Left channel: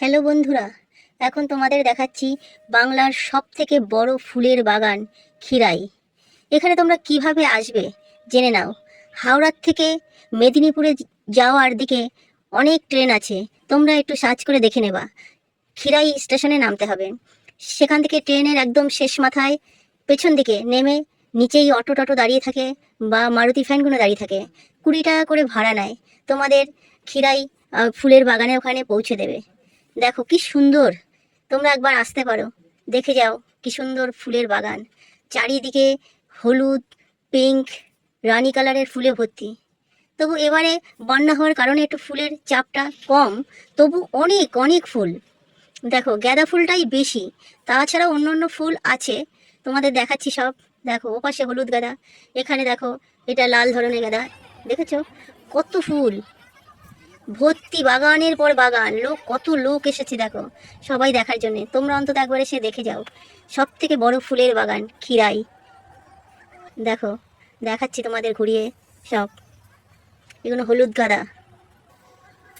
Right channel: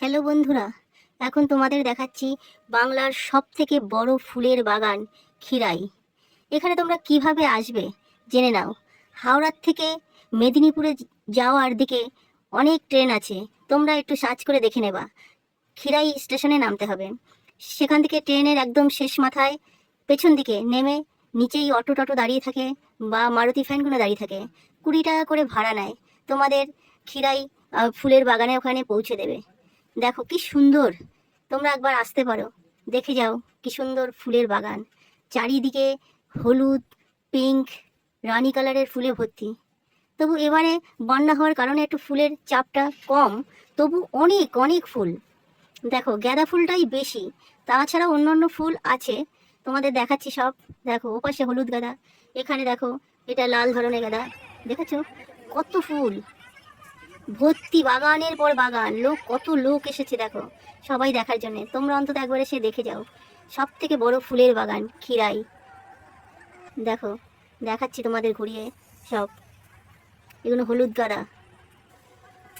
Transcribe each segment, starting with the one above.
Hello বন্ধুরা, এখন তোমাদের দেখাচ্ছি বাংলার সব থেকে বড় ফুলের বাগান খিরাই এখানে তোমরা কীভাবে আসবে জেনে নাও। হাওড়ার থেকে মেদিনীপুরে যাওয়ার দিকে অনেক ট্রেন আছে, তোমরা একটু সার্চ করে দেখে নেবা। খিরাই স্টেশনে নামতে হবে। সেখান থেকে ট্রেনের একদম শেষ মাথায় পেছন দিকে নেমে নিচেই অটো টটো দাঁড়িয়ে থাকে বা মারুতি ফ্যানগুলো দাঁড়িয়ে থাকে। কুড়ি টাকা করে ভাড়া নেয়। তোমাদের খিরাই ফুলের বাগানের ওখানে পৌঁছে দেবে। দেখো কি সুন্দর। তোমরা একবার আসতে পারো। দেখে যাও কি সুন্দর ফুলের বাগান। চারিদিকে হলুদ পিঙ্ক রানী কালারের ফুলে ভর্তি। তবু এবারে বন্যা হওয়ার কারণে একটু ফুলের চাপটা কম। তবু অনেক অনেক ফুল। দেখো, গাঁদা ফুলটাই বেশি। তাছাড়াও অন্য অন্য ফুল আছে। তোমাদের দেখাচ্ছি সব। দেখো, ওপাশে হলুদ গাঁদা। এখানে দেখো, এটা লাল ধরনের গাঁদা। দেখেছ? কত ফুল! ভর্তি বাগানের পর বাগান। লোক কত লোক এসেছে দেখো। সবাই দেখার জন্য। তোমরা অন্তত একবার এসে দেখে যাও। সব থেকে বড় ফুলের বাগান খিরাই দেখো দেখাচ্ছি তোমাদের ঘুরিয়ে সব। এগুলো হলুদ গাঁদা।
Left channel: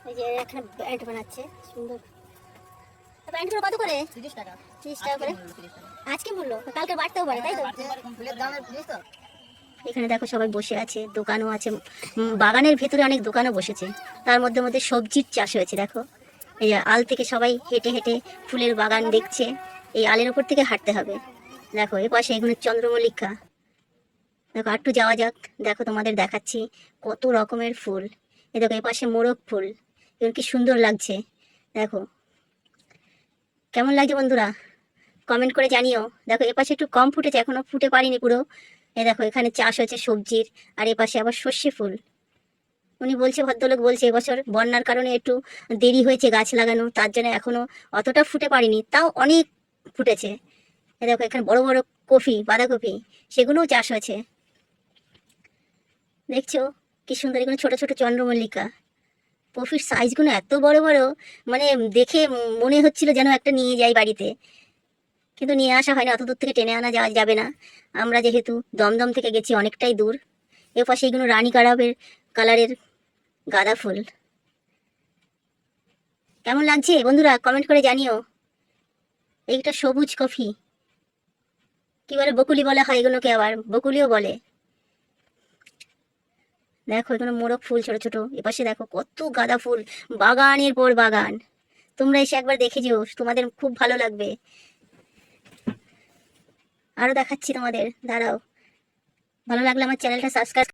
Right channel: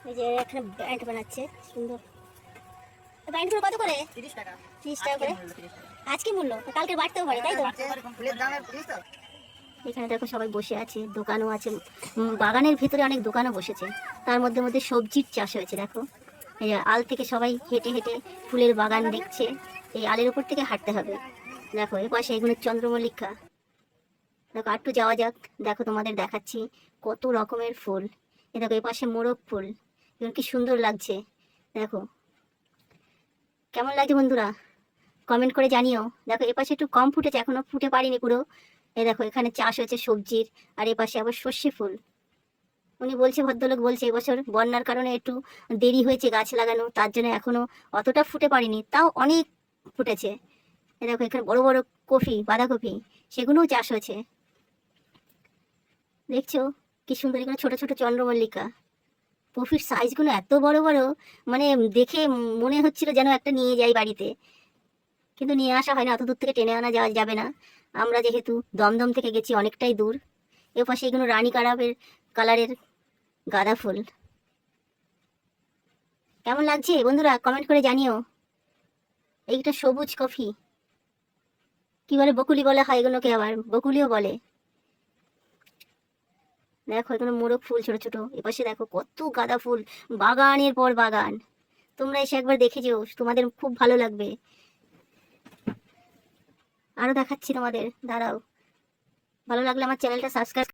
এই যে এখানে ব্যান্ড বানাচ্ছে সুন্দর। তো ব্যান্ডগুলো কত করে? তিরিশ টাকা। ত্রিশ টাকা করে? আজকে মূল্য। কালকে বাড়তেও পারে তাই তো? ফুলের জিনিস তো? এখানে দেখো সবাই বসে আছে, দোকানও আছে বাগানের ভেতরে অনেক দোকানও বসেছে। তার মধ্যে মধ্যে সবজির চাষ হয়েছে, দেখো। এই আল থেকে সবাই হেঁটে হেঁটে ফুলের বাগান দেখছে, এই আলের উপর থেকে হাঁটতে হবে। দেখো, এ পাশে এখানে চন্দ্রমল্লিকা। দেখো একটু যাওয়া যাক। দেখো, তোমাদের দেখাচ্ছি কত রকমের ফুল। এ দেখো, এ পাশে মোরগ ফুল। এগুলো কি সুন্দর লাগছে। দেখো, কেমন লাগছে বন্ধুরা? কমেন্ট করে জানিও। দেখো এ পাশে একটু কম ফুটেছে, এখনও ফুটে পারিনি পুরো। এ দেখো, এখানে চাষ হয়েছে সবজির, আর এ পাশে আবার সর্ষে ফুল। উনি বলছে, ভদ্রলোক বলছে, এবছর বন্যার কারণে একটু দেরি হয়েছে গাছ লাগানো, তার জন্য এখনও অতটা ফুটে পারেনি তাও অনেক ফুটেছে। এই দেখো, এখানে বড় বড় কফি বাঁধাকপি, সেগুলোও চাষ হয়েছে। দেখছ, কি সুন্দর এগুলো ছোট ছোট চন্দ্রমল্লিকা। কফির সাইজগুলো এত বড় বড় মানে দেখে মনে হচ্ছিল যেন একটা নিয়ে যাই বাড়িতে। কিন্তু নিয়ে আসা হয় না অত দূর থেকে টেনে আনা যাওয়া যাবে না। আমরা যেহেতু দমদম থেকে গেছি অনেকটাই দূর, এ পাশে এগুলো রানী কারাবের কালারের গাঁদা ফুল। কেমন লাগছে? বন্ধুরা কমেন্ট করে জানিও। এইটা সবুজ কফি। কি বলে, বকুলি বলে হয় এগুলোকে আবার, বকুলিও বলে। দেখো এগুলো মোরগ ফুল, ছোট ছোট। এপাশে দেখো, কত গাঁদা ফুল, বাগানের পর বাগান। তোমরা এসে একবার দেখে যেও, তোমাদের খুব ভালো লাগবে। আরও দেখাচ্ছি তোমাদের। দাঁড়াও। ভালো লাগলে আমার চ্যানেলটা সাবস্ক্রাইব